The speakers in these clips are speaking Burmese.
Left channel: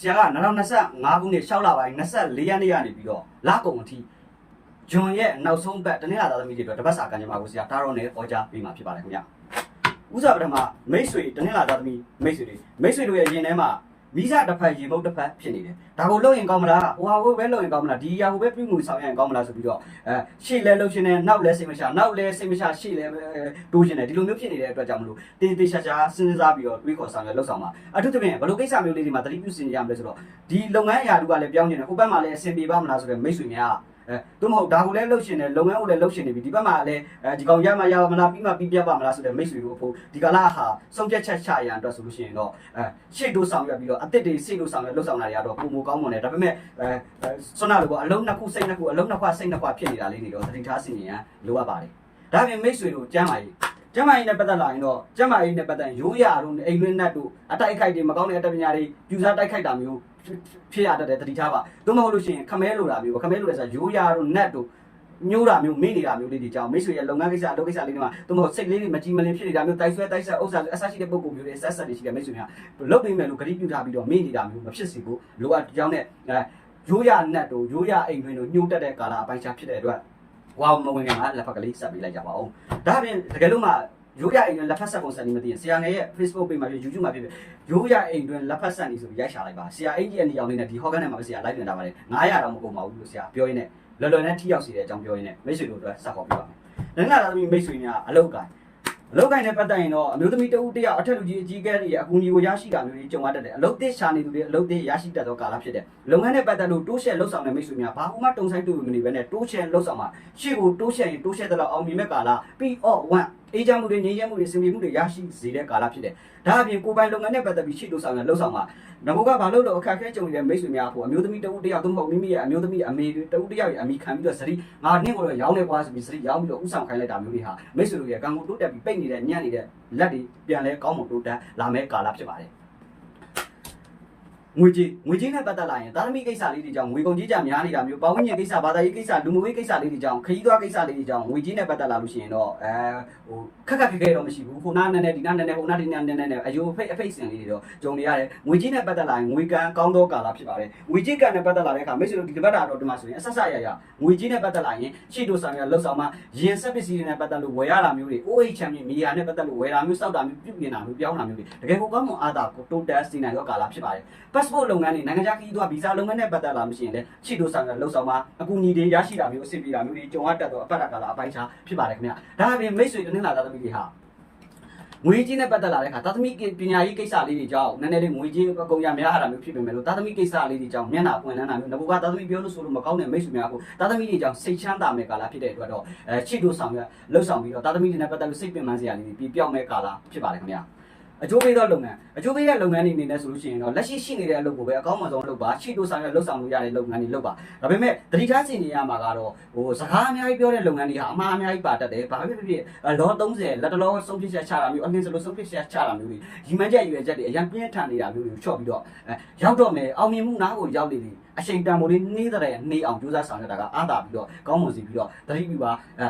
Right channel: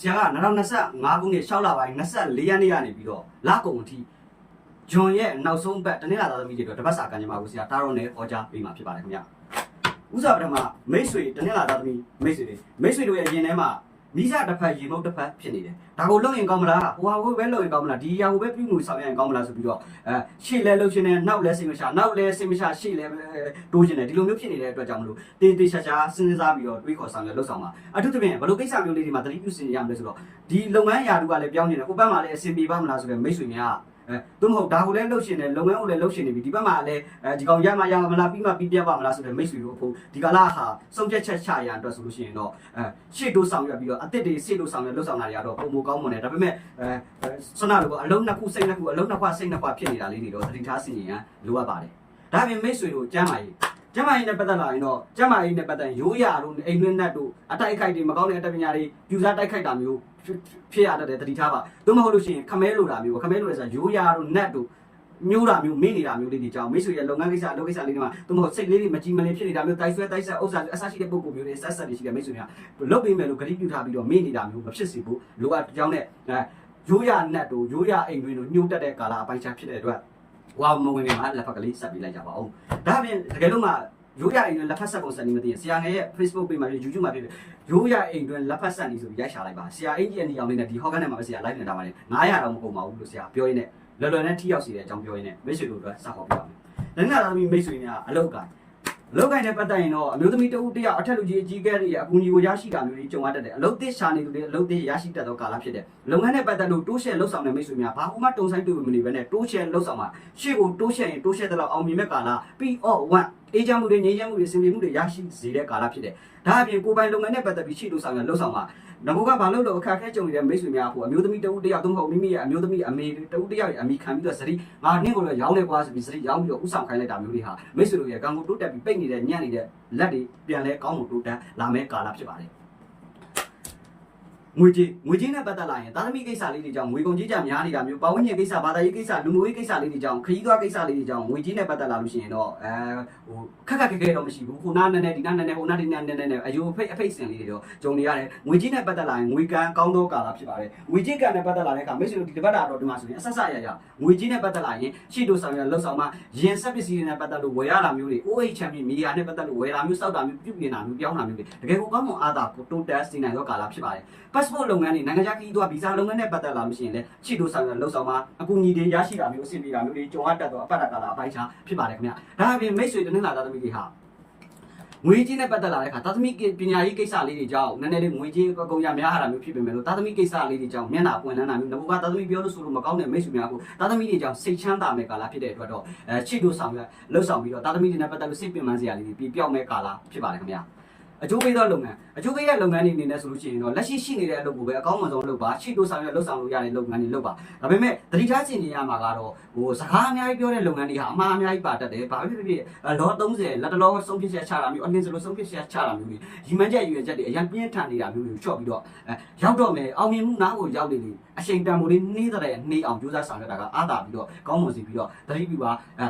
ဆရာက2025ခုနှစ်6လပိုင်း24ရက်နေ့ကနေပြီးတော့လကုန်အထိဂျွန်ရဲ့နောက်ဆုံးပတ်တနင်္လာသားသမီးတွေအတွက်တပတ်စာကံကြမ္မာကိုဆရာတာရောနဲ့ဟောကြားပေးမှာဖြစ်ပါတယ်ခင်ဗျဥစားပထမမိတ်ဆွေတနင်္လာသားသမီးမိတ်ဆွေတွေမိတ်ဆွေတို့ရဲ့ရင်ထဲမှာ မိစတစ်ဖက်ရေမုတ်တစ်ဖက်ဖြစ်နေတယ်ဒါကိုလုပ်ရင်ကောင်းမလားဟိုဟာကိုပဲလုပ်ရင်ကောင်းမလားဒီဟာကိုပဲပြုမှုဆောင်ရင်ကောင်းမလားဆိုပြီးတော့အဲရှေ့လဲလှုပ်ရှင်နဲ့နောက်လဲစိတ်မချနောက်လဲစိတ်မချရှေ့လဲတိုးရှင်တယ်ဒီလိုမျိုးဖြစ်နေတဲ့အတွက်ကြောင့်မလို့တေးသေးချာချာစဉ်းစားပြီးတော့တွေးခေါ်ဆောင်လဲလှုပ်ဆောင်ပါအထူးသဖြင့်ဘယ်လိုကိစ္စမျိုးလေးတွေမှာတတိပြုစင်ရမလဲဆိုတော့ဒီလုပ်ငန်းအရာတူကလည်းပြောင်းနေတယ်ဟိုဘက်မှာလည်းအဆင်ပြေပါမလားဆိုတဲ့မိတ်ဆွေများ အဲသူမဟုတ်ဒါကိုလည်းလှုပ်ရှင်တယ်လုပ်ငန်းကိုလည်းလှုပ်ရှင်နေပြီဒီဘက်မှာလည်းအဲဒီကောင်ရမရမလားပြီးမှပြီးပြပါမလားဆိုတဲ့မိတ်ဆွေတို့အဖို့ဒီကလာဟာစုံချက်ချက်ချရန်အတွက်ဆိုလို့ရှိရင်တော့အဲရှေ့တိုးဆောင်ရပြီးတော့အစ်စ်တွေရှေ့တိုးဆောင်ရလှုပ်ဆောင်တာတွေကတော့ပုံမကောင်းမွန်တယ်ဒါပေမဲ့အဲဆွမ်းနာလိုကအလုံးနှစ်ခုစိတ်နှစ်ခုအလုံးနှစ်ခွစိတ်နှစ်ခွဖြစ်နေတာလေးတွေတော့သတိထားစီရင်ရန်လိုအပ်ပါတယ်ဒါပြင်မိတ်ဆွေတို့ကျမ်းပါရေး ကျမ်းမာရေးနဲ့ပတ်သက်လာရင်တော့ကျမ်းမာရေးနဲ့ပတ်သက်ရိုးရာတို့အိမ်တွင်းနတ်တို့အတိုက်အခိုက်တွေမကောင်းတဲ့အတတ်ပညာတွေပြူစားတိုက်ခိုက်တာမျိုးဖြစ်ရတတ်တယ်တတိထားပါသို့မဟုတ်လို့ရှိရင်ခမဲလိုတာမျိုးပေါ့ခမဲလိုရဆိုရိုးရာတို့နတ်တို့ညိုးတာမျိုးမေ့နေတာမျိုးလေးတွေကြောင့်မိတ်ဆွေရဲ့လုပ်ငန်းကိစ္စအလုပ်ကိစ္စလေးတွေမှာသို့မဟုတ်စိတ်လေးတွေမကြည်မလင်ဖြစ်နေတာမျိုးတိုက်ဆွဲတိုက်ဆက်ဥစ္စာအဆရှိတဲ့ပုံကူမျိုးတွေဆက်ဆက်တွေရှိတဲ့မိတ်ဆွေများလုပ်ပေးမယ်လို့ဂရုပြုထားပြီးတော့မေ့နေတာမျိုးမဖြစ်စေဘူးလိုအပ်ကြောင်းနဲ့အဲရိုးရာနတ်တို့ရိုးရာအိမ်တွင်တို့ညှိုးတက်တဲ့ကာလအပိုင်းခြားဖြစ်တဲ့အတွက် ဝါမဝင်ခင်မှာလက်ဖက်ကလေးဆက်ပေးလိုက်ကြပါဦးဒါအပြင်တကယ်လို့မှရိုးရအိမ်တွင်လက်ဖက်ဆက်ပုံစံနေမသိရင်ဆရာငယ်ရဲ့ Facebook page မှာဖြစ် YouTube မှာဖြစ်ရိုးရအိမ်တွင်လက်ဖက်ဆက်နေဆိုပြီးရိုက်ရှာလိုက်ပါဆရာအင်ကြီးအနီအောင်လေးနဲ့ဒီဟော့ကန်ထဲမှာပဲဆရာ live နေတာပါတယ်900တောင်မကုန်ပါဘူးလို့ဆရာပြောရင်းနဲ့လော်လော်နဲ့ထိရောက်စီတဲ့အကြောင်းပြောရင်းနဲ့မိတ်ဆွေတို့အတွက်ဆက်ဟောပြပါမယ်။လက်နက်သားသမီးမိတ်ဆွေများအလောက်ကန် အလောက်ကန်နဲ့ပတ်သက်ရင်တော့အမျိုးသမီးတဦးတယောက်အထက်လူကြီးအကြီးကဲတွေရဲ့အကူအညီကိုရရှိတာမျိုးတွေကြုံရတတ်တယ်။အလုပ်သစ်ရှာနေသူတွေအလုပ်သစ်ရရှိတတ်သောကာလဖြစ်တယ်။လုပ်ငန်းနဲ့ပတ်သက်လို့တိုးရှယ်လှုပ်ဆောင်တဲ့မိတ်ဆွေများဘာမှတုံဆိုင်တူမနေဘဲနဲ့တိုးရှယ်လှုပ်ဆောင်မှာရှေ့ကိုတိုးရှယ်ရင်တိုးရှယ်တဲ့လောက်အောင်မြင်မဲ့ကာလပြီးတော့1အေးချမ်းမှုတွေငြိမ်းချမ်းမှုတွေစင်ပြေမှုတွေရရှိစေတဲ့ကာလဖြစ်တယ်။ဒါအပြင်ကိုယ်ပိုင်လုပ်ငန်းနဲ့ပတ်သက်ပြီးရှေ့လှုပ်ဆောင်ရလှုပ်ဆောင်မှာ ငါကဘာလို့လို့အခက်အခဲကြုံနေတဲ့မိတ်ဆွေများဖို့အမျိုးသမီးတဦးတယောက်သုံးဖို့မိမိရဲ့အမျိုးသမီးအမေတဦးတယောက်ရဲ့အမိခံပြီးတော့စရီငါနင့်ကိုတော့ရောင်းနေကွာဆိုပြီးစရီရောင်းပြီးတော့ဥဆောင်ခိုင်းလိုက်တာမျိုးတွေဟာမိတ်ဆွေတို့ရဲ့ကံကိုတိုးတက်ပြီးပိတ်နေတဲ့ညံ့နေတဲ့လက်တွေပြန်လဲကောင်းမွန်တိုးတက်လာမဲ့ကာလဖြစ်ပါတယ်ငွေကြီးငွေကြီးနဲ့ပတ်သက်လာရင်သာသမီကိစ္စလေးတွေကြောင့်ငွေကုန်ကြီးကြများနေတာမျိုးပဝန်းကျင်ကိစ္စဘာသာရေးကိစ္စလူမှုရေးကိစ္စလေးတွေကြောင့်ခရီးသွားကိစ္စလေးတွေကြောင့်ငွေကြီးနဲ့ပတ်သက်လာလို့ရှိရင်တော့အဲဟိုခက်ခက်ခဲခဲတော့မရှိဘူးခုနားနဲ့နဲ့ဒီနားနဲ့နဲ့ဟိုနားဒီနားနဲ့နဲ့အယိုအဖိတ်အဖိတ်စင်လေးတွေတော့ဂျုံနေရတယ်ငွေကြီးနဲ့ပတ်သက်လာရင်ငွေကံကောင်းသောကာလဖြစ်ပါတယ်ငွေကြီးကံနဲ့ပတ်သက်လာတဲ့အခါမိတ်ဆွေတို့ဒီတစ်ပတ်တာတော့ဒီမှာဆိုရင်အဆက်ဆက်ရရငွေကြီးနဲ့ပတ်သက်လာရင်ရှေ့တို့ဆောင်ရလှုပ်ဆောင်မှရင်ဆက်ပစ္စည်းတွေနဲ့ပတ်သက်လို့ဝယ်ရတာမျိုးတွေ OH ချမ်းမြေမီယာနဲ့ပတ်သက်လို့ဝယ်တာမျိုးစောက်တာမျိုးပြုပြင်တာမျိုးပြောင်းတာမျိုးတွေတကယ်ကိုကောင်းမွန်အားသာကိုတိုးတက်စီနိုင်သောကာလဖြစ်ပါတယ် passport လုပ်ငန်းတွေနိုင်ငံခြားခရီးသွားဗီဇာလုပ်ငန်းနဲ့ပတ်သက်လာမှရှိရင်လည်းရှေ့တို့ဆောင်ရလှုပ်ဆောင်မှအကူအညီတွေရရှိတာမျိုးအဆင်ပြေတာမျိုးတွေကြုံရတတ်သောအပတ်တာကာလအပိုင်းခြားဖြစ်ပါတယ်ခင်ဗျာဒါအပြင်မိတ်ဆွေတနင်္လာသားသမီးတွေဟာငွေကြီးနဲ့ပတ်သက်လာတဲ့အခါသာသမီပညာရေးကိစ္စလေးတွေကြောင့်နည်းနည်းလေးငွေကြီးအကုန်ရများတာမျိုးဖြစ်ပေမဲ့လို့သာသမီကိစ္စလေးတွေကြောင့်မျက်နှာပွင့်နှမ်းတာမျိုးငါကသာသမီပြောလို့ဆိုလို့မကောင်းတဲ့မိတ်ဆွေများကိုသာသမီတွေကြောင့်စိတ်ချမ်းသာမဲ့ကာလဖြစ်တဲ့အတွက်တော့အဲချစ်တို့ဆောင်ရလှုပ်ဆောင်ပြီးတော့သာသမီတွေနဲ့ပတ်သက်လို့စိတ်ပင်ပန်းစရာလေးတွေပြပြောင်းမဲ့ကာလဖြစ်ပါတယ်ခင်ဗျာ အကျိုးပေးသောလုပ်ငန်းအကျိုးပေးတဲ့လုပ်ငန်းတွေအနေနဲ့ဆိုလို့ရှိရင်တော့လက်ရှိရှိနေတဲ့အလုပ်ကိုပဲအကောင်းဆုံးလုပ်ပါချစ်တို့ဆောင်ရလှုပ်ဆောင်လို့ရတဲ့လုပ်ငန်းတွေလုပ်ပါဒါပေမဲ့တတိထားစီနေရမှာကတော့ဟိုစကားအများကြီးပြောတဲ့လုပ်ငန်းတွေဟာအမှားအများကြီးပါတတ်တယ်ဘာဖြစ်ဖြစ်ဖြစ်လော30လက်တလောဆုံးဖြတ်ချက်ချတာမျိုးအနည်းစလို့ဆုံးဖြတ်ချက်ချတာမျိုးတွေရီမန်းချက်ရွယ်ချက်တွေအရင်ပြင်းထန်နေတာမျိုးတွေကိုချော့ပြီးတော့အဲရောက်တော့မယ်အောင်မြင်မှုနားကိုရောက်နေတယ်အချိန်တန်ဖိုးလေးနှေးတဲ့နှေးအောင်ကြိုးစားဆောင်ရတာကအားသာပြီးတော့ကောင်းမွန်စီပြီးတော့တတိပြပါအဲ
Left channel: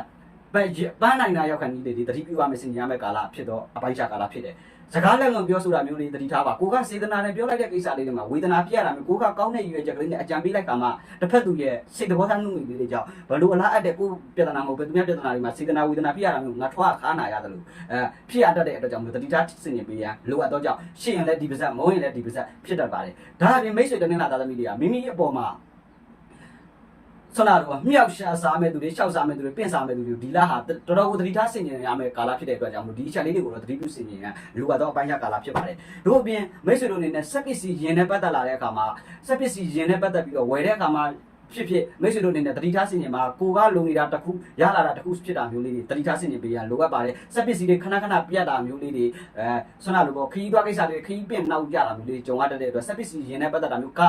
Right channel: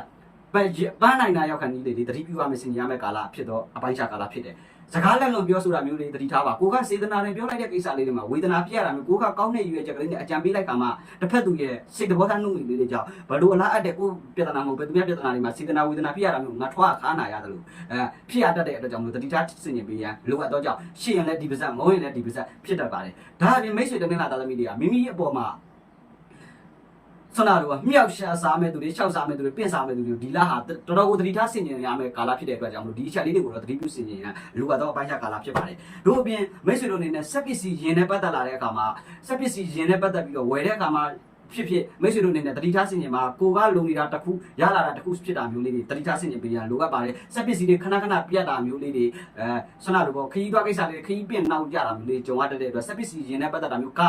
ပပန်းနိုင်တာရောက်ခဏလေးတွေတတိပြပါမစင်ရမယ့်ကာလဖြစ်တော့အပိုင်းခြားကာလဖြစ်တယ် စကားလက်လွန်ပြောဆိုတာမျိုးလေးတတိထားပါကိုကစေတနာနဲ့ပြောလိုက်တဲ့ကိစ္စလေးတွေမှာဝေဒနာပြရတာမျိုးကိုကကောင်းတဲ့ရွေချက်ကလေးနဲ့အကြံပေးလိုက်ခါမှတစ်ဖက်သူရဲ့စိတ်တော်သားနှုတ်လေးတွေကြောင့်ဘလို့အလားအပ်တဲ့ကိုပြဿနာမဟုတ်ပဲသူများပြဿနာတွေမှာစေတနာဝေဒနာပြရတာမျိုးငါထွားခါနာရတယ်လို့အဲဖြစ်ရတတ်တဲ့အတွက်ကြောင့်မျိုးတတိထားစင်နေပေးရန်လိုအပ်တော့ကြောင့်ရှင်းရင်လည်းဒီပါဇက်မုံရင်လည်းဒီပါဇက်ဖြစ်တတ်ပါတယ်ဒါအပြင်မိတ်ဆွေတနင်္လာသားသမီးတွေကမိမိအပေါ်မှာ ဆနာတို့ကမြောက်ရှာစားမဲ့သူတွေရှောက်စားမဲ့သူတွေပင့်စားမဲ့သူတွေဒီလဟာတော်တော်ကိုသတိထားဆင်ခြင်ရမယ့်ကာလဖြစ်တဲ့အတွက်ကြောင့်မလို့ဒီအချက်လေးတွေကိုတော့သတိပြုဆင်ခြင်ရလူကတော့အပိုင်းခြားကာလဖြစ်ပါတယ်တို့အပြင်မိတ်ဆွေတို့အနေနဲ့စက်ပစ္စည်းယင်နဲ့ပတ်သက်လာတဲ့အခါမှာစက်ပစ္စည်းယင်နဲ့ပတ်သက်ပြီးတော့ဝယ်တဲ့အခါမှာဖြစ်ဖြစ်မိတ်ဆွေတို့အနေနဲ့တတိထားဆင်ခြင်မှာကိုကလုံနေတာတစ်ခုရလာတာတစ်ခုဖြစ်တာမျိုးလေးတွေတတိထားဆင်ခြင်ပေးရလိုအပ်ပါတယ်စက်ပစ္စည်းတွေခဏခဏပြတ်တာမျိုးလေးတွေအဲဆွမ်းလာလို့ပေါ့ခရီးသွားကိစ္စတွေခရီးပြင့်နောက်ကြတာမျိုးလေးကြုံရတတ်တဲ့အတွက်စက်ပစ္စည်းယင်နဲ့ပတ်သက်တာမျိုးက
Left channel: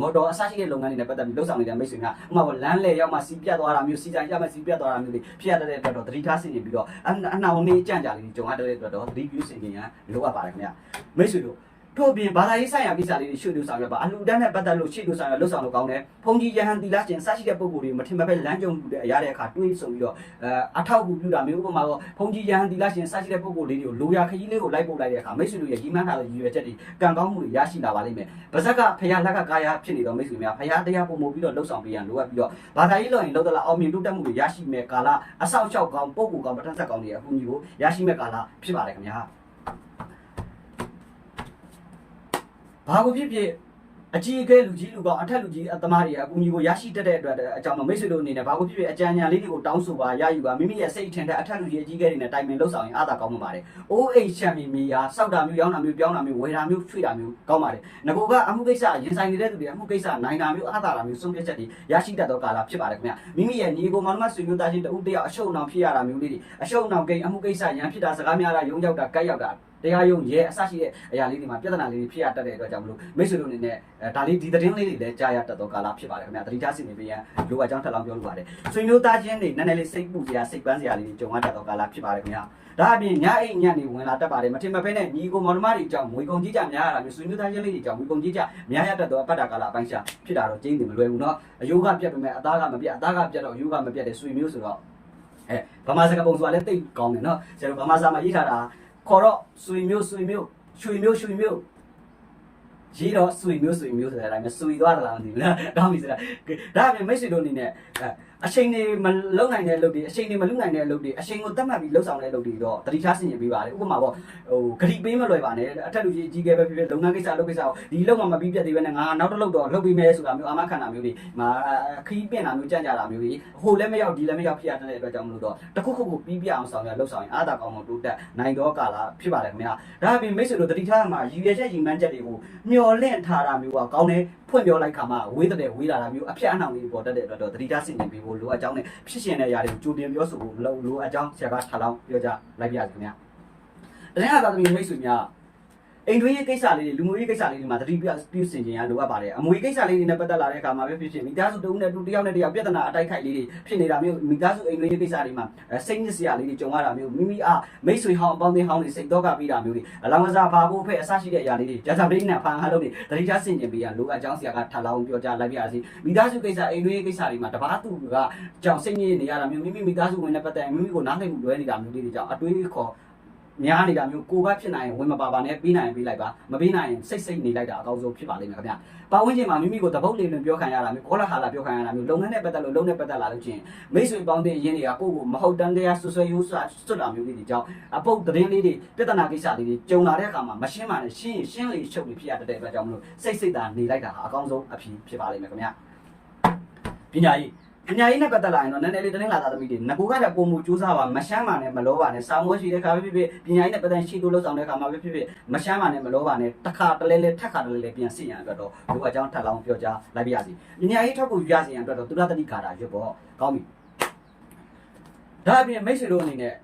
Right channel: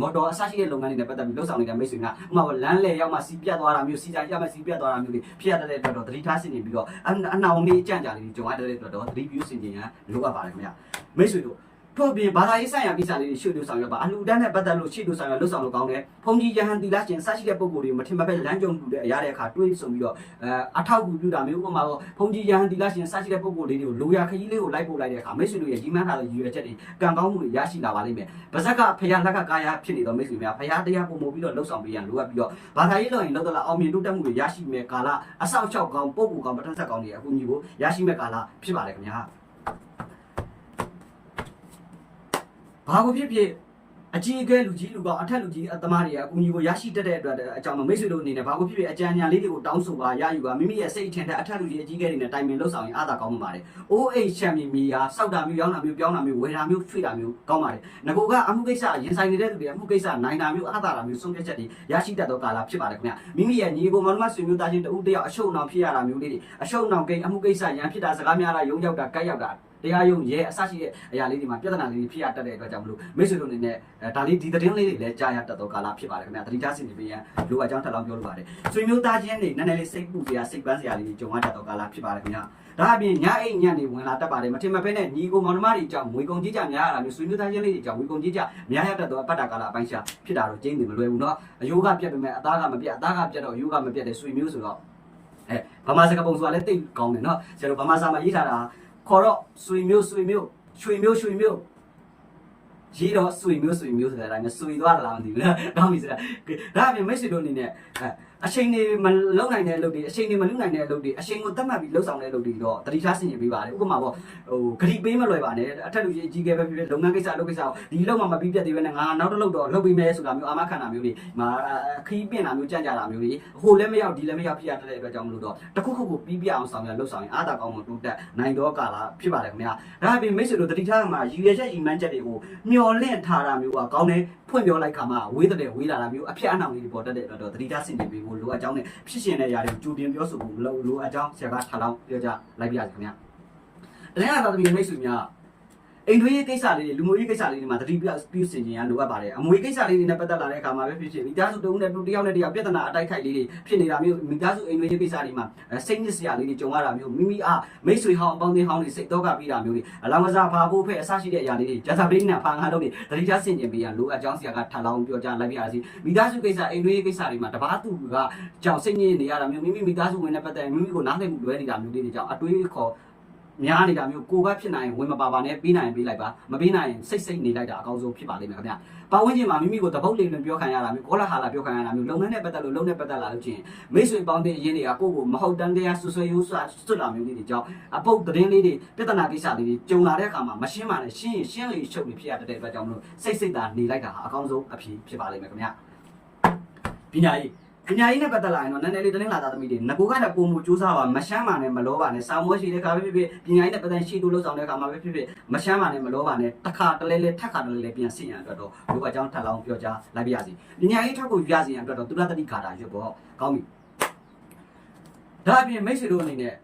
မော်တော်အစရှိတဲ့လုပ်ငန်းတွေနဲ့ပတ်သက်ပြီးလှုပ်ဆောင်နေတဲ့မိတ်ဆွေကဥပမာလမ်းလေရောက်မှစီးပြတ်သွားတာမျိုးစီဆိုင်ရောက်မှစီးပြတ်သွားတာမျိုးတွေဖြစ်ရတဲ့အတွက်တော့သတိထားဆင်ခြင်ပြီးတော့အနှောင်လေးကြံ့ကြလေးကြုံရတဲ့အတွက်တော့သတိပြုဆင်ခြင်ရလိုအပ်ပါတယ်ခင်ဗျမိတ်ဆွေတို့ ထို့ပြင်ဘာသာရေးဆိုင်ရာကိစ္စလေးတွေရှုပ်လို့ဆောင်ရွက်ပါအလှူဒန်းနဲ့ပတ်သက်လို့ရှေ့လို့ဆောင်ရွက်လှုပ်ဆောင်လို့ကောင်းတယ်ဖုန်ကြီးယဟန်တီလာရှင်စရှိတဲ့ပုံကိုယ်တွေကိုမထင်မဖက်လမ်းကြုံမှုတဲ့အရာတဲ့အခါတွေးဆုံပြီးတော့အဲအထောက်အကူပြုတာမျိုးဥပမာတော့ဖုန်ကြီးယဟန်တီလာရှင်စရှိတဲ့ပုံကိုယ်လေးတွေကိုလိုရာခကြီးလေးကိုလိုက်ပို့လိုက်တဲ့အခါမိတ်ဆွေတို့ရဲ့ကြီးမှန်းထားတဲ့ရည်ရွယ်ချက်တွေကံကောင်းမှုတွေရရှိလာပါလိမ့်မယ်ဗဇက်ကဖရာလက်ကကာယဖြစ်နေတော့မိတ်ဆွေများဖရာတရားပုံမှုပြီးတော့လှုပ်ဆောင်ပေးရန်လိုအပ်ပြီးတော့ဘာသာရေးလို့ရင်လောက်တော့အောင်မြင်တိုးတက်မှုတွေရရှိမဲ့ကာလအဆောက်အအုံကောင်းပုံကိုယ်ကောင်းပဋ္ဌာန်းဆက်ကောင်းတွေအကူအညီကိုရရှိမဲ့ကာလဖြစ်ပါတယ်ခင်ဗျာ ဘာကိုဖြစ်ဖြစ်အကြီးအကဲလူကြီးလူကောင်အထက်လူကြီးအသမားတွေအကူအညီကိုရရှိတတ်တဲ့အတွက်အကြောင်းတော့မိတ်ဆွေတို့အနေနဲ့ဘာကိုဖြစ်ဖြစ်အကြံဉာဏ်လေးတွေကိုတောင်းဆိုပါရယူပါမိမိရဲ့စိတ်ထင်တဲ့အထက်လူကြီးအကြီးအကဲတွေနဲ့တိုင်ပင်လှုပ်ဆောင်ရင်အားသာကောင်းမှာပါတယ်။ OH ချန်ပီယံမီဟာစောက်တာမျိုးရောင်းတာမျိုးပြောင်းတာမျိုးဝယ်တာမျိုးထွေတာမျိုးကောင်းပါတယ်။ငကိုကအမှုကိစ္စရင်ဆိုင်နေတဲ့သူတွေအမှုကိစ္စနိုင်တာမျိုးအားသာတာမျိုးဆုံးဖြတ်ချက်တွေရရှိတတ်သောကာလဖြစ်ပါတယ်ခင်ဗျ။မိမိရဲ့ညီကိုမောင်နှမဆွေမျိုးသားချင်းတဦးတယောက်အရှုံအောင်ဖြစ်ရတာမျိုးလေးတွေအရှုံအောင်ကိန်းအမှုကိစ္စရန်ဖြစ်တာစကားများတာယုံရောက်တာကြိုက်ရောက်တာ တရားယုံရဲအစရှိတဲ့အရာလေးတွေမှာပြဿနာလေးတွေဖြစ်ရတတ်တဲ့အတွက်ကြောင့်မလို့မိတ်ဆွေတို့အနေနဲ့အဲဒါလေးဒီသတင်းလေးတွေလည်းကြားရတတ်သောကာလဖြစ်ပါတယ်ခင်ဗျာတတိထားစီနေပေးရန်လိုအပ်ကြောင်းထပ်လောင်းပြောလိုပါတယ်ဆွေမျိုးသားချင်းတွေနည်းနည်းလေးစိတ်ပူစရာစိတ်ပန်းစရာလေးတွေကြုံရတတ်သောကာလဖြစ်ပါတယ်ခင်ဗျာဒါအပြင်ညအိတ်ညံ့နေဝင်လာတတ်ပါတယ်မထင်မဖဲနဲ့ညီကိုမောင်နှမတွေကြောင့်ငွေကုန်ကြီးကြများရတာမျိုးဆွေမျိုးသားချင်းလေးတွေကြောင့်ငွေကုန်ကြီးကြများရတတ်သောအပတ်တာကာလအပိုင်းရှာဖြစ်တာတော့ကျင်းနေမလွယ်ဘူးเนาะအယိုးကပြတ်ပေမဲ့အသားကမပြတ်အသားကပြတ်တော့အယိုးကမပြတ်တဲ့ဆွေမျိုးဆိုတော့အဲဗမာစကားပုံဆိုတာလည်းတိတ်ကောင်းတယ်เนาะဆရာတို့ဗမာစာမှာရေးထားတာ ခေါ်တော့ဆွေမျိုးဆွေမျိုးရွှေမျိုးရွှေမျိုးရေးတော့ဆွေမျိုးဆွေမျိုးဆိုတာလည်းဆွေသွားတာလားမသိဘူးလားကောင်းပြီဆိုတာဒါအပြင်မိတ်ဆွေတို့အနေနဲ့ အချိန်တွေမလုံနိုင်တဲ့အလုပ်တွေအချိန်တွေမလုံနိုင်တဲ့အလုပ်တွေအချိန်ကိုတတ်မှတ်ပြီးလှုပ်ဆောင်တဲ့အလုပ်တွေတော့တတိထားဆင်ခြင်ပေးပါလေဥပမာပေါ့ဟိုဂရိပေးမလွယ်ပါနဲ့အထက်လူကြီးအကြီးကဲပဲဖြစ်ဖြစ်လုပ်ငန်းကိစ္စလုပ်ကိစ္စကိုဒီလုပ်မှမပြီးပြတ်သေးပဲနဲ့ငါနောက်တစ်လုပ်တော့လုပ်ပေးမယ်ဆိုတာမျိုးအာမခံတာမျိုးတွေမာခီးပင့်တာမျိုးကြံ့ကြတာမျိုးတွေဟိုလည်းမရောက်ဒီလည်းမရောက်ဖြစ်ရတဲ့အတွက်ကြောင့်မလို့တော့တခုခုကိုပြီးပြအောင်ဆောင်ရလှုပ်ဆောင်ရင်အားသာကောင်းမှတိုးတက်နိုင်တော့ကာလာဖြစ်ပါတယ်ခင်ဗျာဒါအပြင်မိတ်ဆွေတို့တတိထားမှာရည်ရွယ်ချက်ရည်မှန်းချက်တွေကိုမျော်လင့်ထားတာမျိုးကကောင်းတယ် ဖွင့်ပြောလိုက်ခါမှဝေးတဲ့ဝေးလာတာမျိုးအဖြစ်အနှောင်လေးပေါ်တတ်တဲ့အတွက်တော့တတိထားဆင်ခြင်ပေးဖို့လိုအပ်ကြောင်းနဲ့ဖြစ်ရှင်တဲ့ຢာတွေကိုကြိုတင်ပြောဆိုဖို့လိုလိုအပ်ကြောင်းဆရာကထားလောင်းပြောကြလိုက်ပြရစီခင်ဗျာတနင်္လာသာသမီမိတ်ဆွေများ အိမ်တွင်းရေးကိစ္စလေးတွေလူမျိုးရေးကိစ္စလေးတွေမှာတတိပြပြုစင်ခြင်းရလိုအပ်ပါတယ်အမွေကိစ္စလေးတွေနဲ့ပတ်သက်လာတဲ့အခါမှာပဲဖြစ်ဖြစ်မိသားစုတဦးနဲ့တူတယောက်နဲ့တယောက်ပြဿနာအတိုက်ခိုက်လေးတွေဖြစ်နေတာမျိုးမိသားစုအိမ်တွင်းရေးကိစ္စတွေမှာစိတ်ညစ်စရာလေးတွေကြုံရတာမျိုးမိမိအားမိတ်ဆွေဟောင်းအပေါင်းအသင်းဟောင်းတွေစိတ်တော့ကပြီးတာမျိုးတွေအလောင်းကစားဖာဖို့ဖဲ့အစရှိတဲ့အရာလေးတွေဂျာဇာပရိနဲ့ဖာငါလုံးတွေတတိချဆင်ကျင်ပေးရလိုအပ်ကြောင်းဆရာကထပ်လောင်းပြောကြားလိုက်ပြရစီမိသားစုကိစ္စအိမ်တွင်းရေးကိစ္စတွေမှာတပားသူကကြောင်စိတ်ညစ်နေရတာမျိုးမိမိမိသားစုဝင်တဲ့ပတ်သက်မိမိကိုနားလည်မှုလွဲနေတာမျိုးလေးတွေကြောင့်အတွေးခေါ် များနေတာမျိုးကိုကဖြစ်နိုင်ရင်ဝင်မပါပါနဲ့ပေးနိုင်ရင်ပေးလိုက်ပါမပေးနိုင်ရင်စိတ်စိတ်နေလိုက်တာအကောင်းဆုံးဖြစ်ပါလိမ့်မယ်ခင်ဗျာပတ်ဝန်းကျင်မှာမိမိကိုတပုတ်လေးလွန်ပြောခံရတာမျိုးကောလာဟာလာပြောခံရတာမျိုးလုပ်ငန်းနဲ့ပတ်သက်လို့လုပ်နဲ့ပတ်သက်လာလို့ချင်းမိတ်ဆွေပေါင်းတဲ့အရင်းတွေကကိုယ့်ကိုမဟုတ်တန်းတရားဆွဆွဲရိုးဆွဆွလာမျိုးလေးတွေကြောင့်အပုတ်သတင်းလေးတွေပြဿနာကိစ္စလေးတွေကြုံလာတဲ့အခါမှာမရှင်းပါနဲ့ရှင်းရင်ရှင်းလေချုပ်လေဖြစ်ရတဲ့အတွက်ကြောင့်မလို့စိတ်စိတ်သာနေလိုက်တာဟာအကောင်းဆုံးအဖြစ်ဖြစ်ပါလိမ့်မယ်ခင်ဗျာပညာရေး ပညာရေးနဲ့ပတ်သက်လာရင်တော့နည်းနည်းလေးတင်းလာတာသမီးတွေငကိုကလည်းပုံမူစူးစမ်းပါမရှမ်းပါနဲ့မလောပါနဲ့စောင်းမွေးရှိတဲ့ခါပဲဖြစ်ဖြစ်ပညာရေးနဲ့ပတ်သက်ရှိလို့လှုပ်ဆောင်တဲ့ခါမှာပဲဖြစ်ဖြစ်မရှမ်းပါနဲ့မလောပါနဲ့တစ်ခါတလဲလဲထက်ခါတလဲလဲပြန်စီရန်အတွက်တော့ဒီကအကြောင်းထပ်လောင်းပြောကြားလိုက်ပါရစီပညာရေးထောက်ကိုရစီရန်အတွက်တော့သူရတတိကာတာရွတ်ပေါ့ကောင်းပြီဒါအပြင်မိတ်ဆွေတို့အနေနဲ့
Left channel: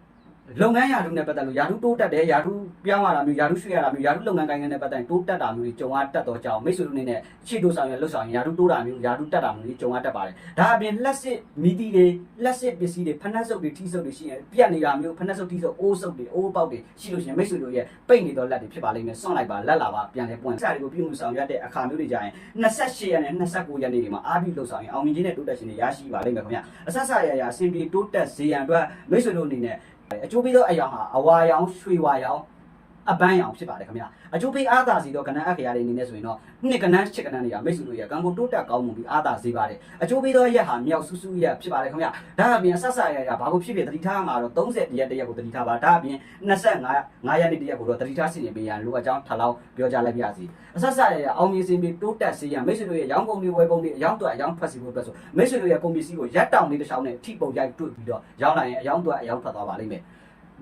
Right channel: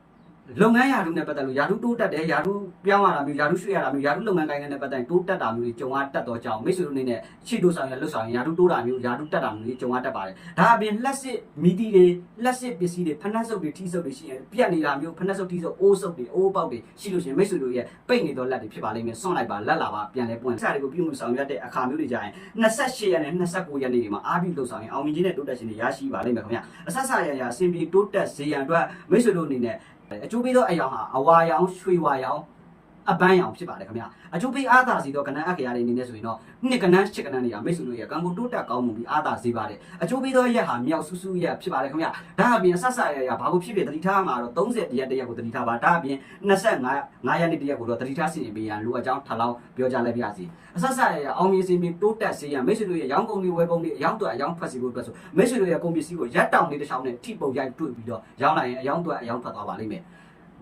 လုပ်ငန်းယာတုနဲ့ပတ်သက်လို့ယာတုတိုးတက်တယ်ယာတုပြောင်းရတာမျိုးယာတုရွှေ့ရတာမျိုးယာတုလုပ်ငန်းကိုင်ငန်းနဲ့ပတ်သက်တိုးတက်တာမျိုးတွေကြုံရတတ်တော့ကြောင်းမိတ်ဆွေတို့အနေနဲ့ချီတိုဆောင်ရလှုပ်ဆောင်ရယာတုတိုးတာမျိုးယာတုတက်တာမျိုးတွေကြုံရတတ်ပါတယ်ဒါအပြင်လက်စစ်မီဒီတွေလက်စစ်ပစ္စည်းတွေဖနက်စုပ်တွေထိစုပ်တွေရှိရင်ပြက်နေတာမျိုးဖနက်စုပ်ထိစုပ်အိုးစုပ်တွေအိုးပေါက်တွေရှိလို့ရှိရင်မိတ်ဆွေတို့ရဲ့ပိတ်နေတော့လက်တွေဖြစ်ပါလိမ့်မယ်စွန့်လိုက်ပါလက်လာပါပြန်လဲပွင့်စားတွေကိုပြုမှုဆောင်ရတဲ့အခါမျိုးတွေကြရင်28ရက်နဲ့29ရက်နေ့တွေမှာအားပြီးလှုပ်ဆောင်ရင်အောင်မြင်ခြင်းနဲ့တိုးတက်ခြင်းတွေရရှိပါလိမ့်မယ်ခင်ဗျအဆက်ဆက်ရရအစဉ်ပြေတိုးတက်စေရန်အတွက်မိတ်ဆွေတို့အနေနဲ့ အကျိုးပေးသောအရာဟာအဝါရောင်ရွှေဝါရောင် အပန်းရောင်ဖြစ်ပါတယ်ခင်ဗျအကျိုးပေးအားသာစီတော့ကဏ္ဍအခရာတွေအနေနဲ့ဆိုရင်တော့နှစ်ကဏ္ဍချစ်ကဏ္ဍတွေကမိတ်ဆွေတို့ရဲ့ကံကိုတိုးတက်ကောင်းမှုပြီးအားသာစေပါတယ်အကျိုးပေးသောရက်ဟာမြောက်ဆူဆူရက်ဖြစ်ပါတယ်ခင်ဗျဒါအပြင်ဆက်ဆက်ရရဘာလို့ဖြစ်ဖြစ်တတိထားမှာတော့30ရက်တရက်ကိုတတိထားပါဒါအပြင်25 9ရက်နေ့တရက်ကိုတော့တတိထားစီရင်ပေးရန်လိုအပ်ကြောင်းထပ်လောင်းပြောကြားလိုက်ပါစီအဆက်ဆက်ရရအောင်မြင်စင်ပြီးတိုးတက်စေရန်မိတ်ဆွေတို့ရဲ့ရောင်းကုန်တွေဝယ်ကုန်တွေအယောင်းတွေအယောင်းဖတ်စီဖို့အတွက်ဆိုမိတ်ဆွေတို့ရဲ့ကုန်ပစ္စည်းကိုရက်တောင်လေးတစ်ချောင်းနဲ့ထိပုံရိုက်တွေ့ပြီးတော့ရောင်းလိုက်ရင်အယောင်းတွေအယောင်းဖတ်သွားပါလိမ့်မယ်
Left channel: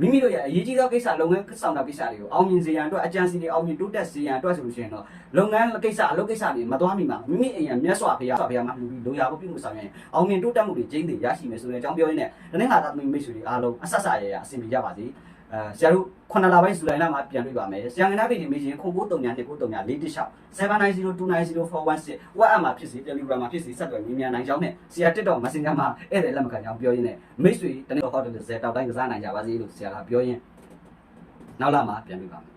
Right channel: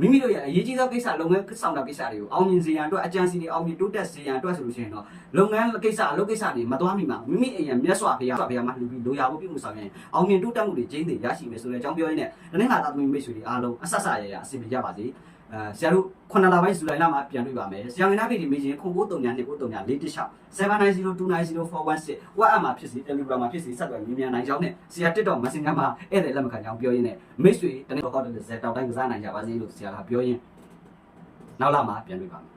မိမိတို့ရဲ့အရေးကြီးသောကိစ္စလုပ်ငန်းဆောင်တာကိစ္စတွေကိုအောင်မြင်စေရန်အတွက်အကြံစီတွေအောင်မြင်တိုးတက်စေရန်အတွက်ဆိုလို့ရှိရင်တော့လုပ်ငန်းကိစ္စအလုပ်ကိစ္စတွေမသွားမိမှာမိမိအိမ်ရမြတ်စွာဘုရားဘုရားမှာလူပြီးလိုရာဖို့ပြုမှုဆောင်ရင်အောင်မြင်တိုးတက်မှုတွေကျင်းတွေရရှိမယ်ဆိုတဲ့အကြောင်းပြောရင်းနဲ့တနင်္လာသားသမီးမိတ်ဆွေတွေအားလုံးအဆက်ဆက်ရရအဆင်ပြေကြပါစေ အဲဆရာတို့9လပိုင်းဇူလိုင်လမှာပြန်တွေ့ပါမယ်ဆရာငနာပေဒီမေးချင်းခု939 939 416 790290416 WhatsApp မှာဖြစ်စီ Telegram မှာဖြစ်စီဆက်သွယ်မြင်မြန်နိုင်ကြောင်းနဲ့ဆရာ TikTok Messenger မှာဧည့်သည်လက်မခံကြောင်းပြောရင်းနဲ့မိတ်ဆွေတနေ့တော့ဟောတယ်ဇက်တောက်တိုင်းကစားနိုင်ကြပါစေလို့ဆရာကပြောရင်းနောက်လာမှာပြန်တွေ့ပါမယ်